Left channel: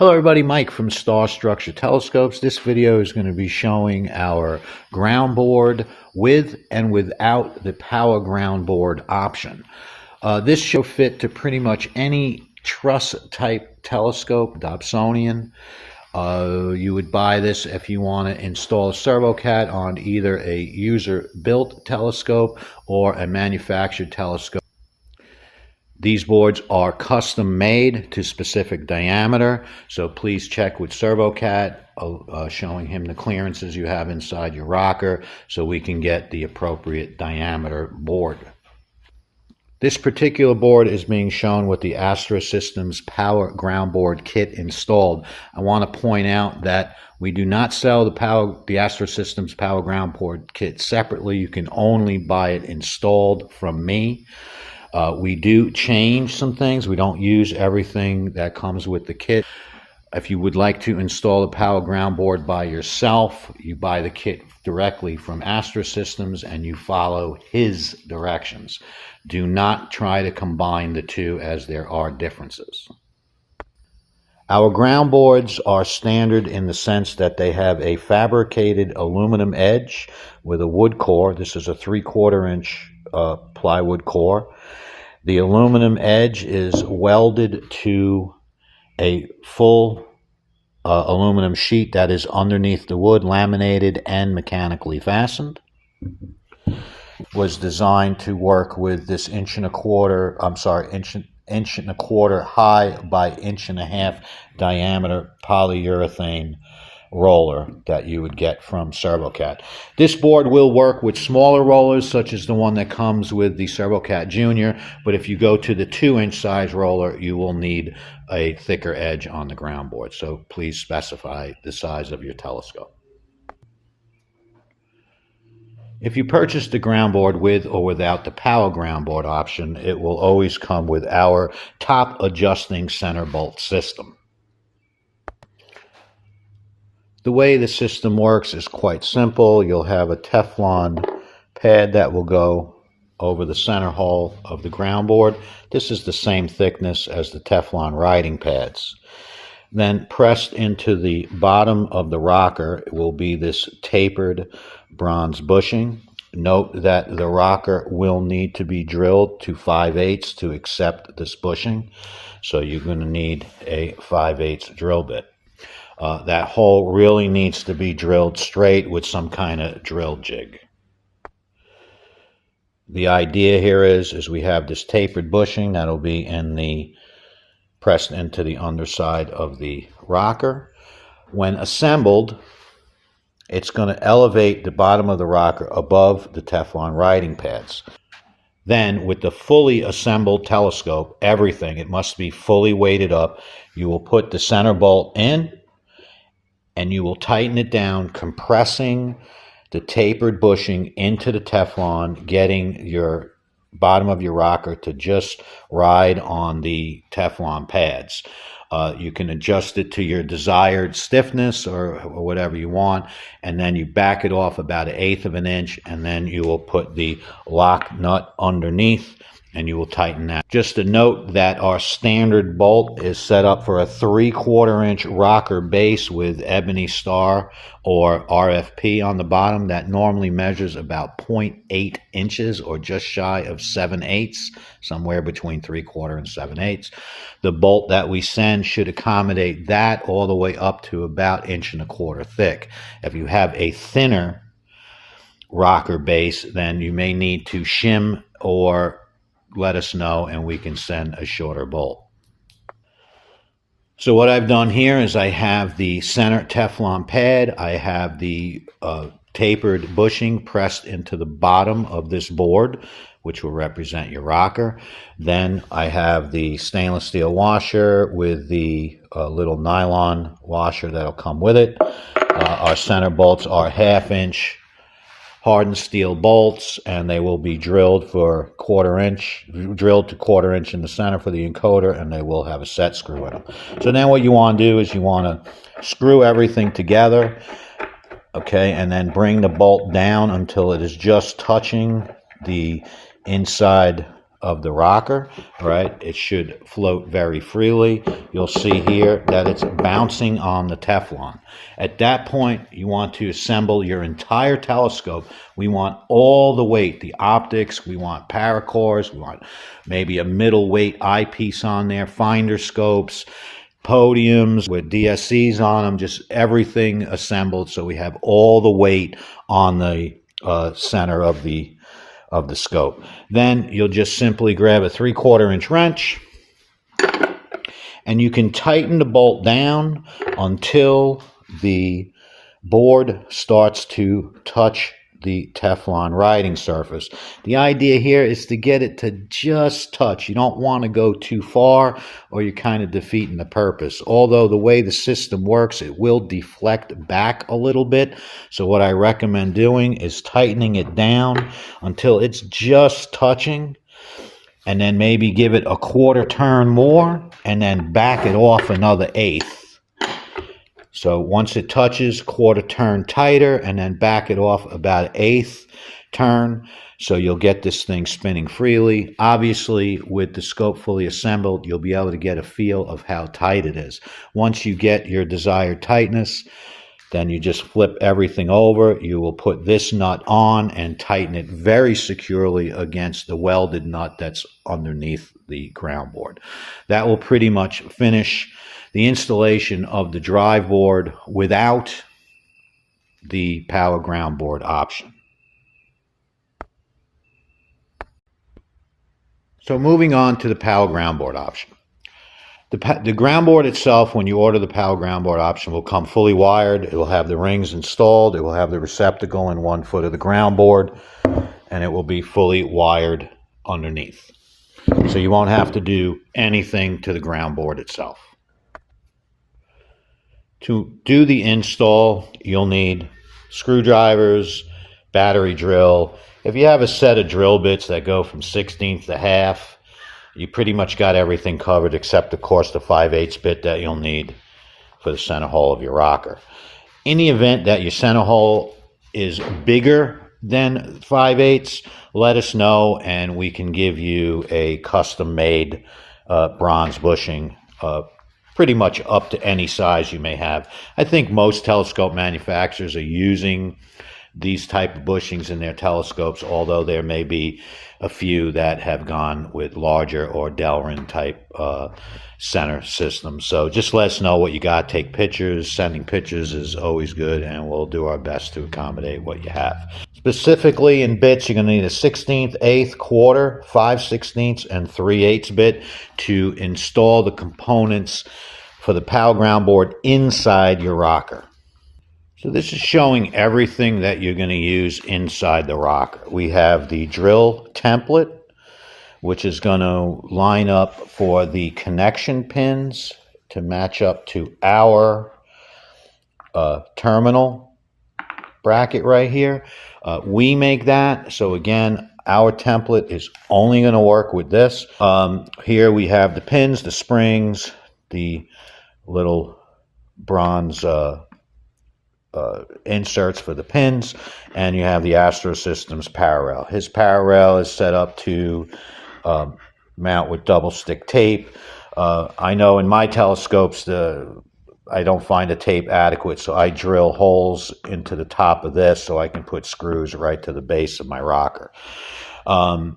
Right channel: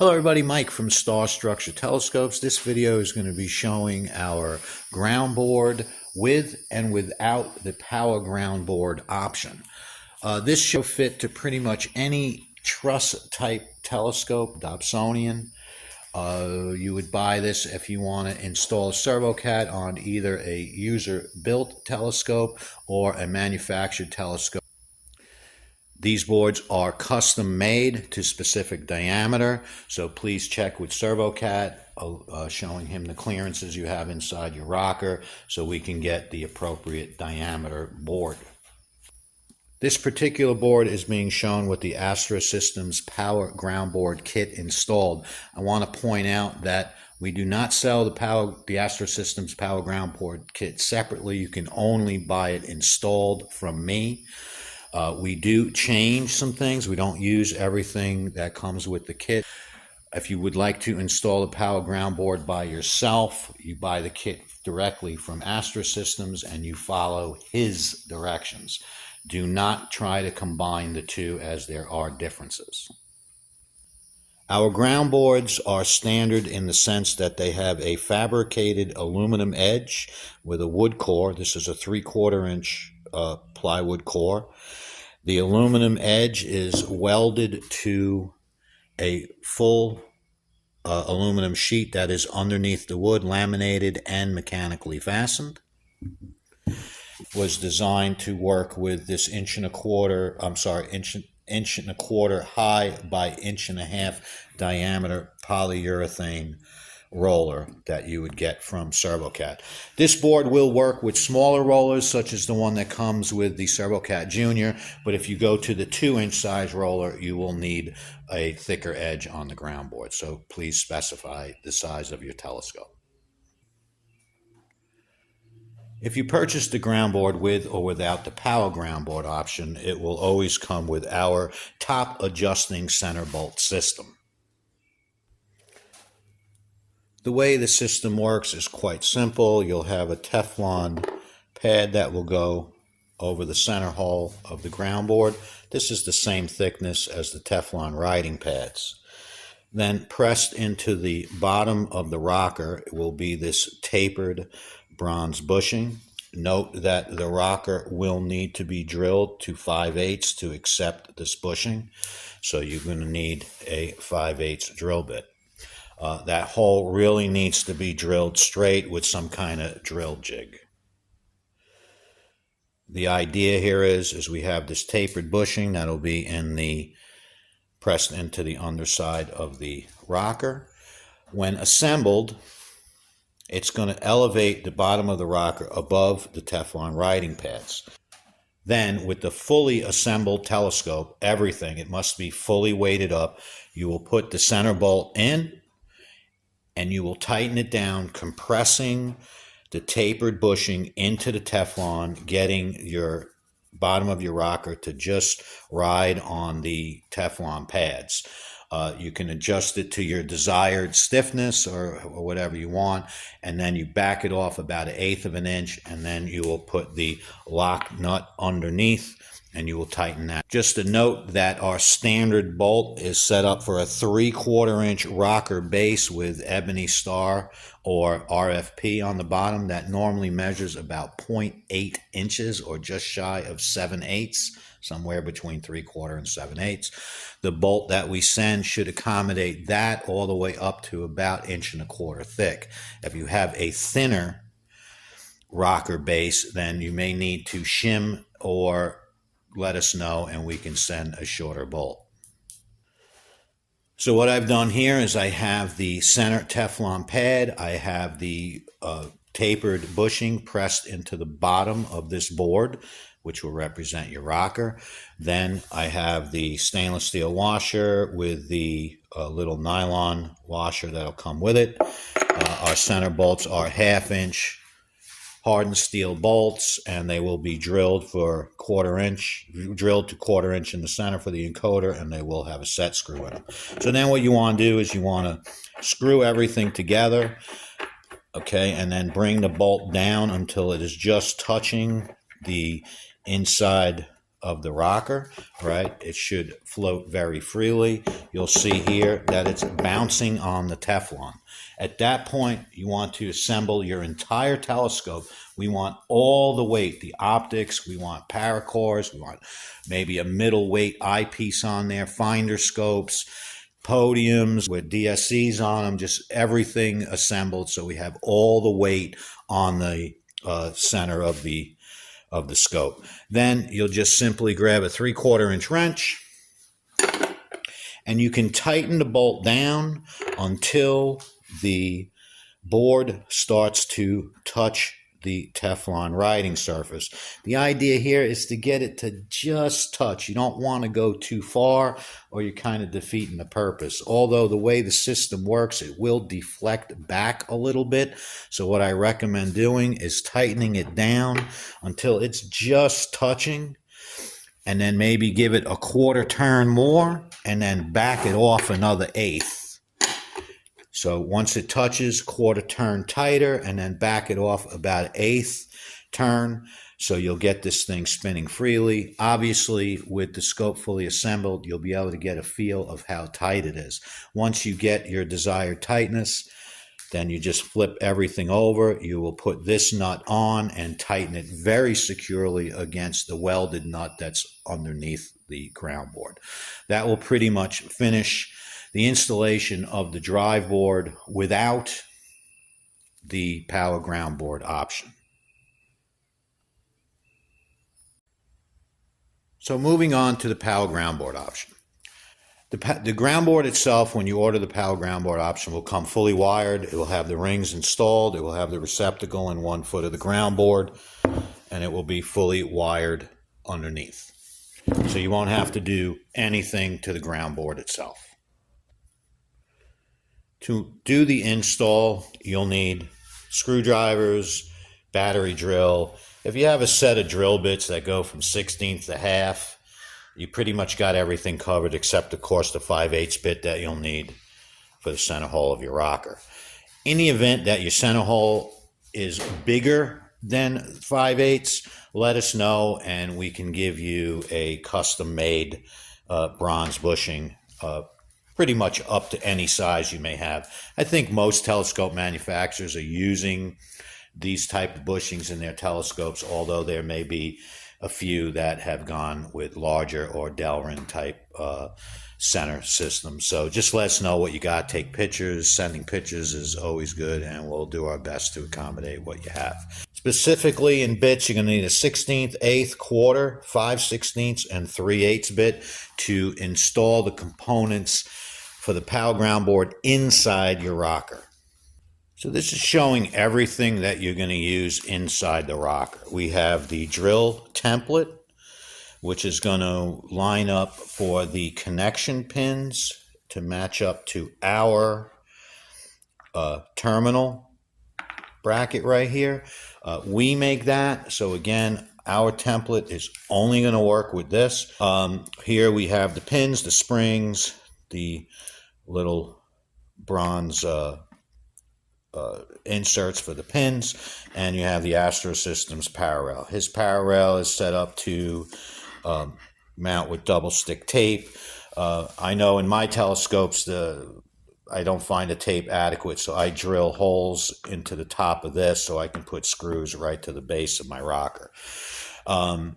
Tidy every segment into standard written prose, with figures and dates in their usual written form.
Hello everybody, Mike from StarStructure Telescopes. This video is going to be showing our ground board with and without the power ground board option. This should fit to pretty much any truss type telescope, Dobsonian. You would buy this if you want to install a Servocat on either a user-built telescope or a manufactured telescope. These boards are custom made to specific diameter, so please check with Servocat, showing him the clearances you have inside your rocker so we can get the appropriate diameter board. This particular board is being shown with the Astra Systems Power Ground Board kit installed. I want to point out that we do not sell the Astra Systems Power Ground Board kit separately. You can only buy it installed from me. We do change some things. We don't use everything that comes with the kit. If you would like to install a power ground board by yourself, you buy the kit directly from Astra Systems and you follow his directions. Do not try to combine the two, as there are differences. Our ground boards are standard in the sense that they have a fabricated aluminum edge with a wood core. This is a 3/4 inch plywood core. The aluminum edge is welded to a full aluminum sheet that is underneath the wood, laminated and mechanically fastened. Was designed to work with this inch and a quarter high by 1.5 inch diameter polyurethane roller that you would get from Servocat. This board will work with smaller rollers such as the one that comes with the Servocat Junior, but if you go to the 2-inch size roller, you will need a thicker edge on the ground board, so please specify the size of your telescope. If you purchase the ground board with or without the power ground board option, it will always come with our top adjusting center bolt system. The way the system works is quite simple. You'll have a Teflon pad that will go over the center hole of the ground board. This is the same thickness as the Teflon riding pads. Then pressed into the bottom of the rocker will be this tapered bronze bushing. Note that the rocker will need to be drilled to 5/8 to accept this bushing, so you're going to need a 5/8 drill bit. That hole really needs to be drilled straight with some kind of drill jig. The idea here is we have this tapered bushing that'll be pressed into the underside of the rocker. When assembled, it's going to elevate the bottom of the rocker above the Teflon riding pads. Then, with the fully assembled telescope, it must be fully weighted up. You will put the center bolt in, and you will tighten it down, compressing the tapered bushing into the Teflon, getting your bottom of your rocker to just ride on the Teflon pads. You can adjust it to your desired stiffness or whatever you want, and then you back it off about 1/8 of an inch, and then you will put the lock nut underneath and you will tighten that. Just a note that our standard bolt is set up for a 3/4 inch rocker base with ebony star or RFP on the bottom that normally measures about 0.8 inches or just shy of 7/8, somewhere between 3/4 and 7/8. The bolt that we send should accommodate that all the way up to about 1.25 inches thick. If you have a thinner rocker base, then you may need to shim or let us know and we can send a shorter bolt. So what I've done here is I have the center Teflon pad, I have the tapered bushing pressed into the bottom of this board, which will represent your rocker. Then I have the stainless steel washer with the little nylon washer that'll come with it. Our center bolts are 1/2 inch hardened steel bolts, and they will be drilled to 1/4 inch in the center for the encoder, and they will have a set screw in them. So now what you want to do is you want to screw everything together, okay, and then bring the bolt down until it is just touching the inside of the rocker, right? It should float very freely. You'll see here that it's bouncing on the Teflon. At that point, you want to assemble your entire telescope. We want all the weight, the optics, we want paracores, we want maybe a middleweight eyepiece on there, finder scopes, podiums with DSCs on them, just everything assembled so we have all the weight on the center of the scope. Then you'll just simply grab a 3/4 inch wrench and you can tighten the bolt down until the board starts to touch the Teflon writing surface. The idea here is to get it to just touch. You don't want to go too far or you're kind of defeating the purpose. Although the way the system works, it will deflect back a little bit. So what I recommend doing is tightening it down until it's just touching, and then maybe give it a 1/4 turn more and then back it off another 1/8. So once it touches, 1/4 turn tighter and then back it off about 1/8 turn. So you'll get this thing spinning freely. Obviously, with the scope fully assembled, you'll be able to get a feel of how tight it is. Once you get your desired tightness, then you just flip everything over. You will put this nut on and tighten it very securely against the welded nut that's underneath the ground board. That will pretty much finish the installation of the drive board without the power ground board option. So moving on to the power ground board option. The ground board itself, when you order the power ground board option, will come fully wired. It will have the rings installed. It will have the receptacle in 1 foot of the ground board, and it will be fully wired underneath. So you won't have to do anything to the ground board itself. To do the install, you'll need screwdrivers, battery drill. If you have a set of drill bits that go from 1/16 to half, you pretty much got everything covered except, of course, the 5/8 bit that you'll need for the center hole of your rocker. In the event that your center hole is bigger than 5/8, let us know and we can give you a custom-made bronze bushing, pretty much up to any size you may have. I think most telescope manufacturers are using these type of bushings in their telescopes, although there may be a few that have gone with larger or Delrin type center systems. So just let us know what you got. Take pictures. Sending pictures is always good, and we'll do our best to accommodate what you have. Specifically in bits, you're going to need a 1/16, 1/8, 1/4, 5/16, and 3/8 bit to install the components for the power ground board inside your rocker. So this is showing everything that you're going to use inside the rocker. We have the drill template, which is going to line up for the connection pins to match up to our terminal bracket right here. We make that. So again, our template is only going to work with this. Here we have the pins, the springs, the little bronze inserts for the pins, and you have the Astro Systems parallel. His parallel is set up to mount with double stick tape. I know in my telescopes I don't find the tape adequate, so I drill holes into the top of this so I can put screws right to the base of my rocker. The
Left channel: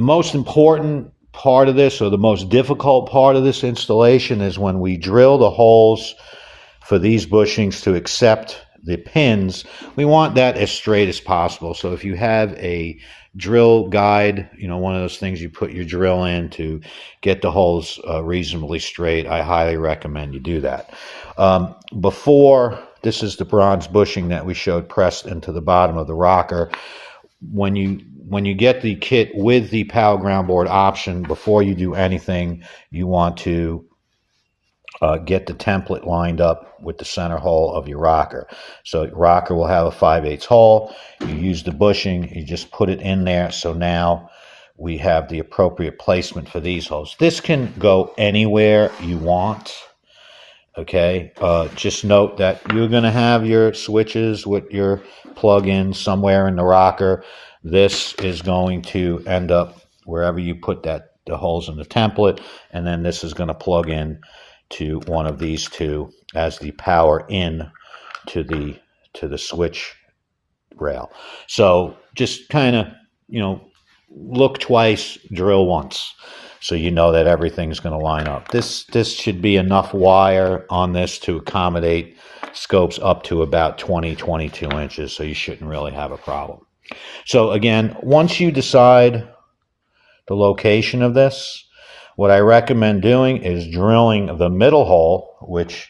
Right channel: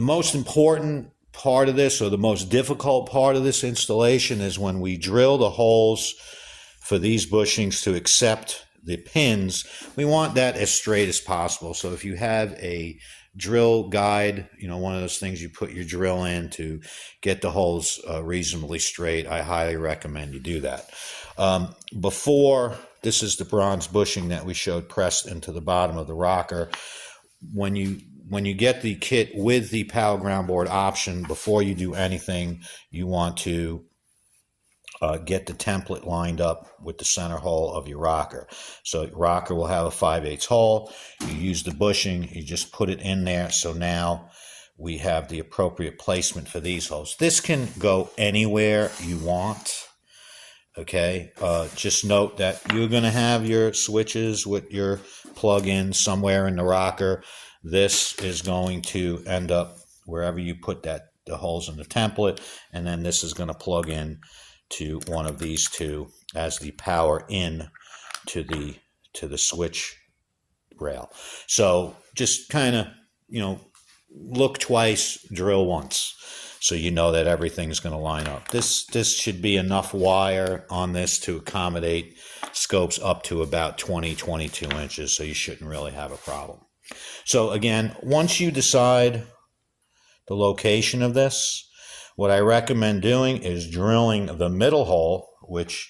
most important part of this, or the most difficult part of this installation, is when we drill the holes for these bushings to accept the pins. We want that as straight as possible. So if you have a drill guide, one of those things you put your drill in to get the holes reasonably straight, I highly recommend you do that. This is the bronze bushing that we showed pressed into the bottom of the rocker. When you get the kit with the power ground board option, before you do anything, you want to get the template lined up with the center hole of your rocker. So your rocker will have a 5/8 hole. You use the bushing, you just put it in there. So now we have the appropriate placement for these holes. This can go anywhere you want. Okay, just note that you're going to have your switches with your plug-in somewhere in the rocker. This is going to end up wherever you put the holes in the template, and then this is going to plug in to one of these two as the power in to the switch rail. So just kind of, look twice, drill once, so you know that everything's going to line up. This should be enough wire on this to accommodate scopes up to about 22 inches, so you shouldn't really have a problem. So again, once you decide the location of this, what I recommend doing is drilling the middle hole, which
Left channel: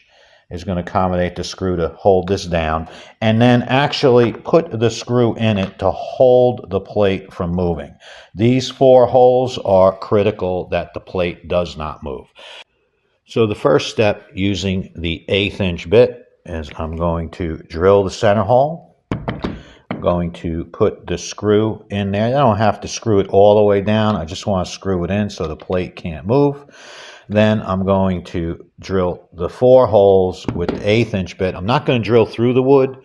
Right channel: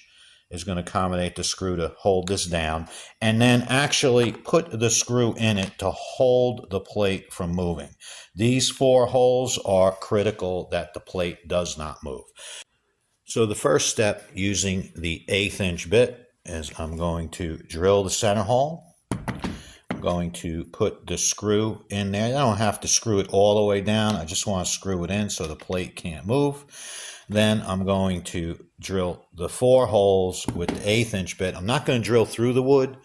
is going to accommodate the screw to hold this down, and then actually put the screw in it to hold the plate from moving. These 4 holes are critical that the plate does not move. So the first step using the 1/8 inch bit is I'm going to drill the center hole. I'm going to put the screw in there. I don't have to screw it all the way down. I just want to screw it in so the plate can't move. Then I'm going to drill the 4 holes with the 1/8 inch bit. I'm not going to drill through the wood.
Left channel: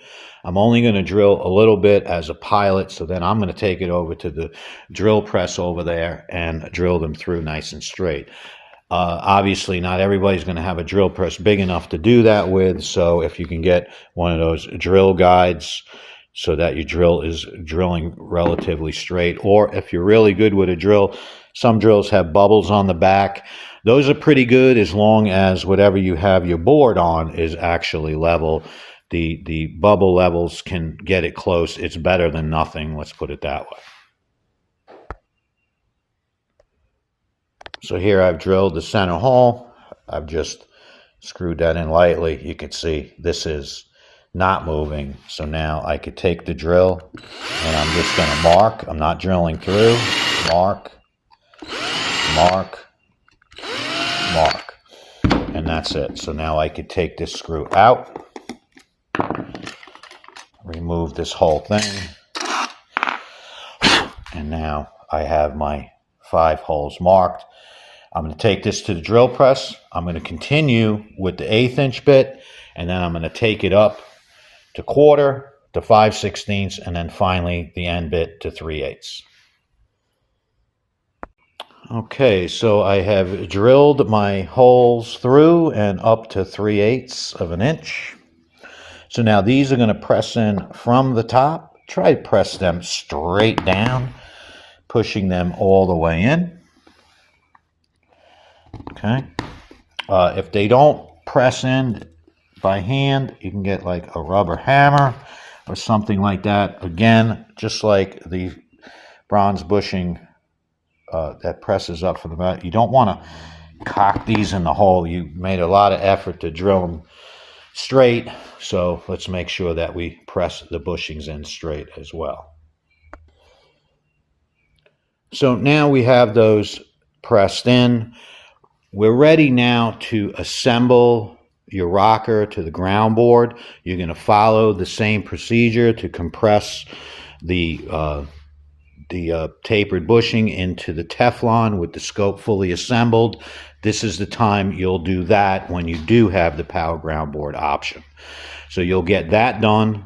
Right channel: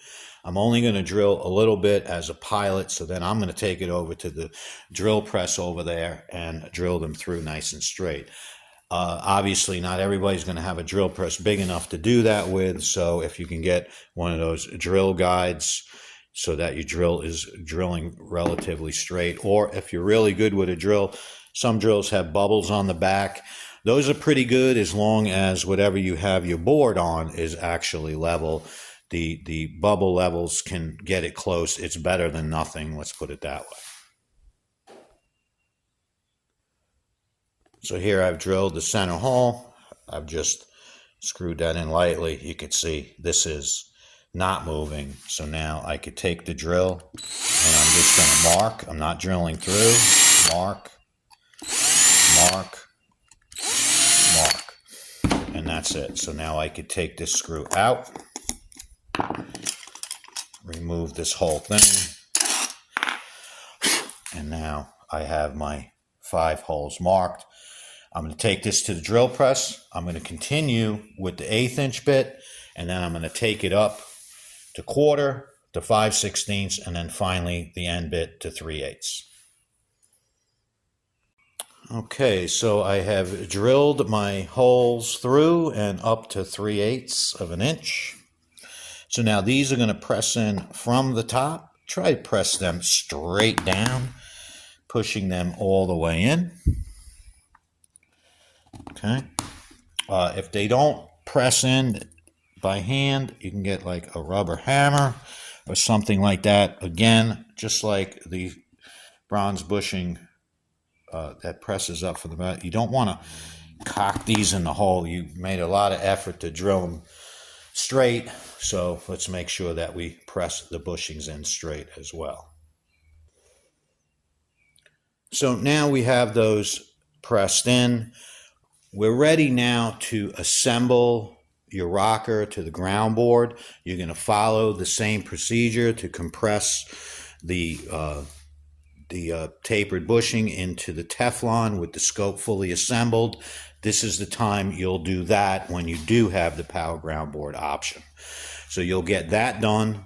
I'm only going to drill a little bit as a pilot. So then I'm going to take it over to the drill press over there and drill them through nice and straight. Obviously, not everybody's going to have a drill press big enough to do that with. So if you can get one of those drill guides so that your drill is drilling relatively straight, or if you're really good with a drill, some drills have bubbles on the back. Those are pretty good as long as whatever you have your board on is actually level. The bubble levels can get it close. It's better than nothing, let's put it that way. So here I've drilled the center hole. I've just screwed that in lightly. You can see this is not moving. So now I could take the drill and I'm just going to mark. I'm not drilling through. Mark, mark, mark, and that's it. So now I could take this screw out, remove this whole thing, and now I have my 5 holes marked. I'm going to take this to the drill press. I'm going to continue with the 1/8 inch bit, and then I'm going to take it up to 1/4, to 5/16, and then finally the end bit to 3/8. Okay, so I have drilled my holes through and up to 3/8 of an inch. So now these are going to press in from the top. Try to press them straight down, pushing them all the way in. Okay. If they don't press in by hand, you can get like a rubber hammer or something like that. Again, just like the bronze bushing that presses up from the bottom. You don't want to cock these in the hole. You made a lot of effort to drill them straight, so let's make sure that we press the bushings in straight as well. So now we have those pressed in. We're ready now to assemble your rocker to the ground board. You're going to follow the same procedure to compress the tapered bushing into the Teflon with the scope fully assembled. This is the time you'll do that when you do have the power ground board option. So you'll get that done.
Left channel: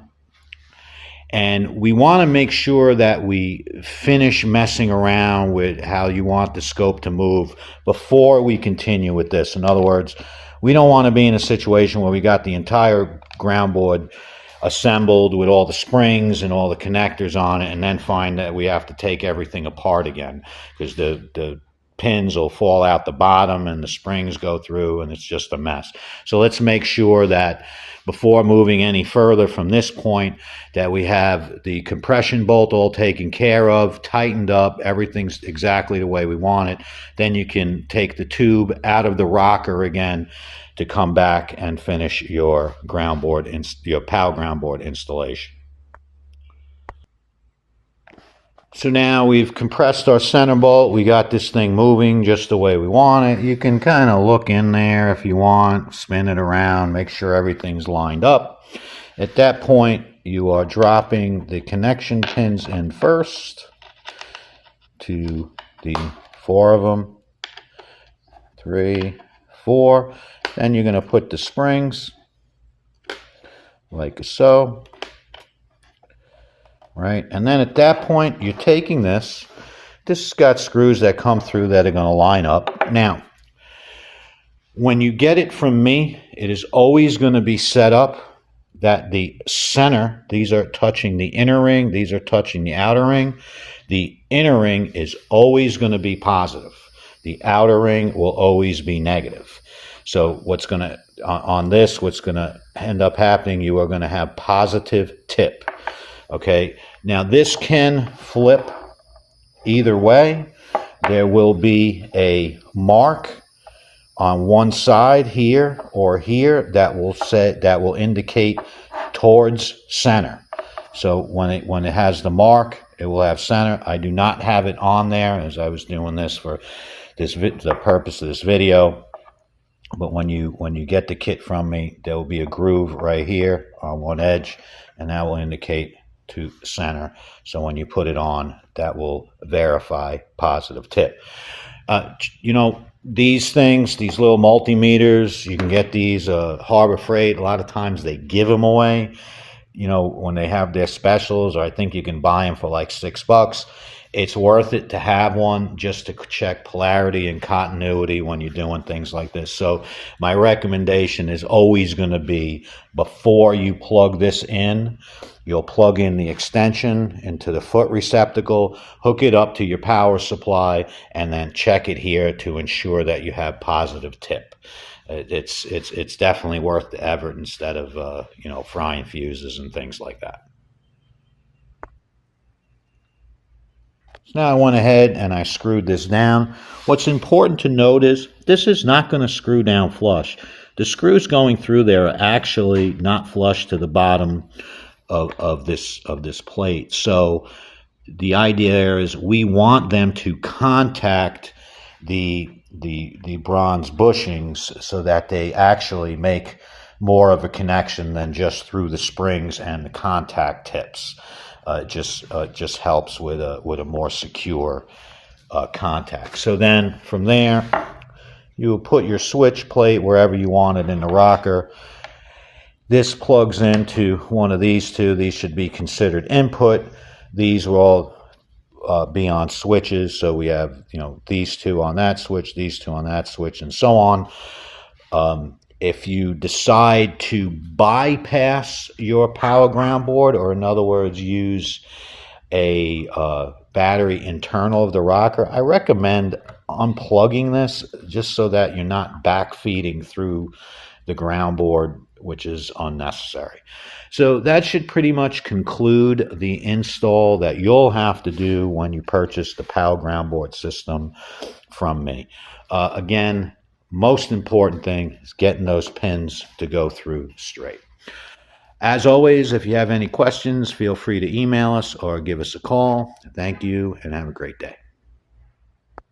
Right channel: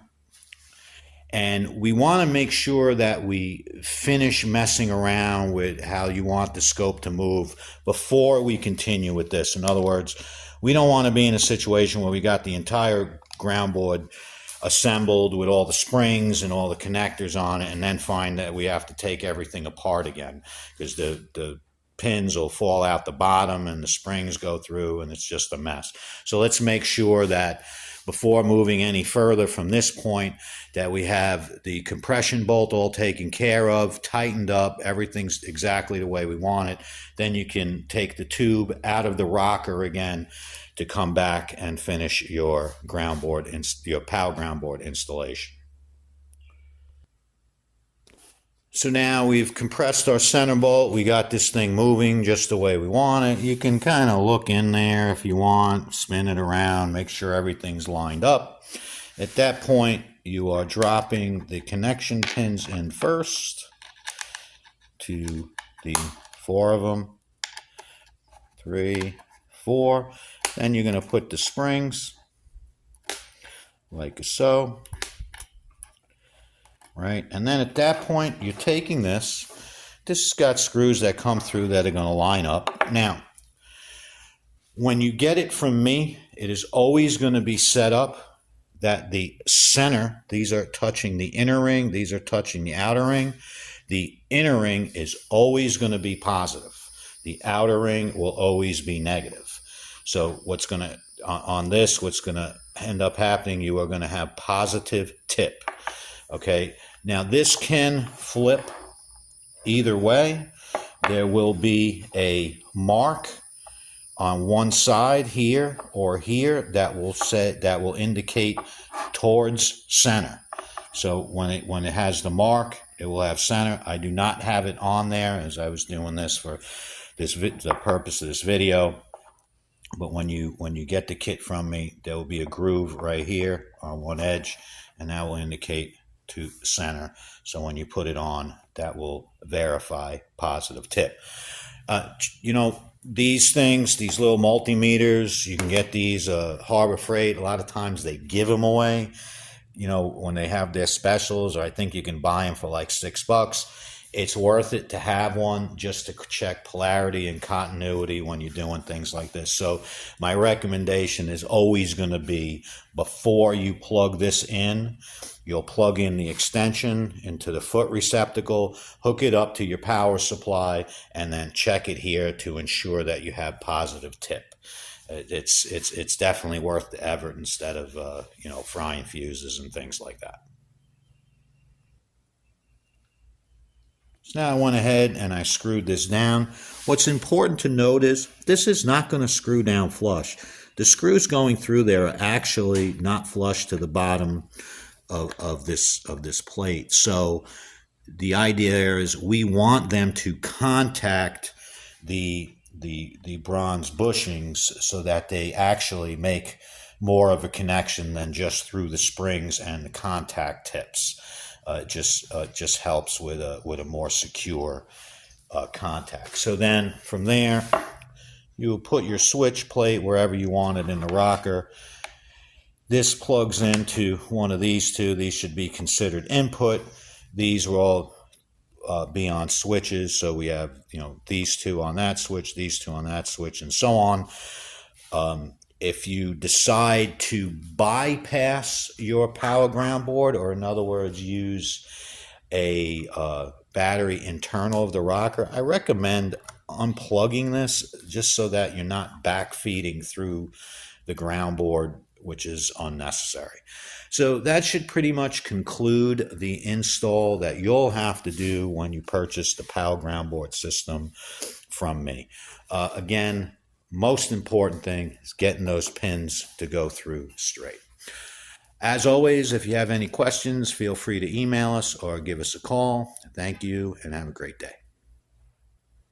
And we want to make sure that we finish messing around with how you want the scope to move before we continue with this. In other words, we don't want to be in a situation where we got the entire ground board assembled with all the springs and all the connectors on it and then find that we have to take everything apart again because the pins will fall out the bottom and the springs go through and it's just a mess. So let's make sure that before moving any further from this point that we have the compression bolt all taken care of, tightened up, everything's exactly the way we want it. Then you can take the tube out of the rocker again to come back and finish your ground board, your power ground board installation. So now we've compressed our center bolt. We got this thing moving just the way we want it. You can kind of look in there if you want, spin it around, make sure everything's lined up. At that point, you are dropping the connection pins in first to the 4 of them, 3, 4. Then you're going to put the springs like so. Right, and then at that point, you're taking this This has got screws that come through that are going to line up. Now, when you get it from me, it is always going to be set up that the center, these are touching the inner ring, these are touching the outer ring. The inner ring is always going to be positive. The outer ring will always be negative. So what's going to, on this, what's going to end up happening, you are going to have positive tip. Okay, now this can flip either way. There will be a mark on one side here or here that will indicate towards center. So when it has the mark, it will have center. I do not have it on there as I was doing this for the purpose of this video. But when you get the kit from me, there will be a groove right here on one edge, and that will indicate to center. So when you put it on, that will verify positive tip. You know, these things, these little multimeters, you can get these Harbor Freight. A lot of times they give them away, you know, when they have their specials, or I think you can buy them for like $6. It's worth it to have one just to check polarity and continuity when you're doing things like this. So my recommendation is always going to be, before you plug this in, you'll plug in the extension into the foot receptacle, hook it up to your power supply, and then check it here to ensure that you have positive tip. It's definitely worth the effort instead of you know, frying fuses and things like that. So now I went ahead and I screwed this down. What's important to note is this is not going to screw down flush. The screws going through there are actually not flush to the bottom of this plate. So the idea there is we want them to contact the bronze bushings so that they actually make more of a connection than just through the springs and the contact tips. Just helps with a more secure contact. So then from there, you will put your switch plate wherever you want it in the rocker. This plugs into one of these two. These should be considered input. These will all be on switches. So we have, you know, these two on that switch, these two on that switch, and so on. If you decide to bypass your power ground board, or in other words, use a battery internal of the rocker, I recommend unplugging this just so that you're not backfeeding through the ground board, which is unnecessary. So that should pretty much conclude the install that you'll have to do when you purchase the power ground board system from me. Again, most important thing is getting those pins to go through straight. As always, if you have any questions, feel free to email us or give us a call. Thank you and have a great day.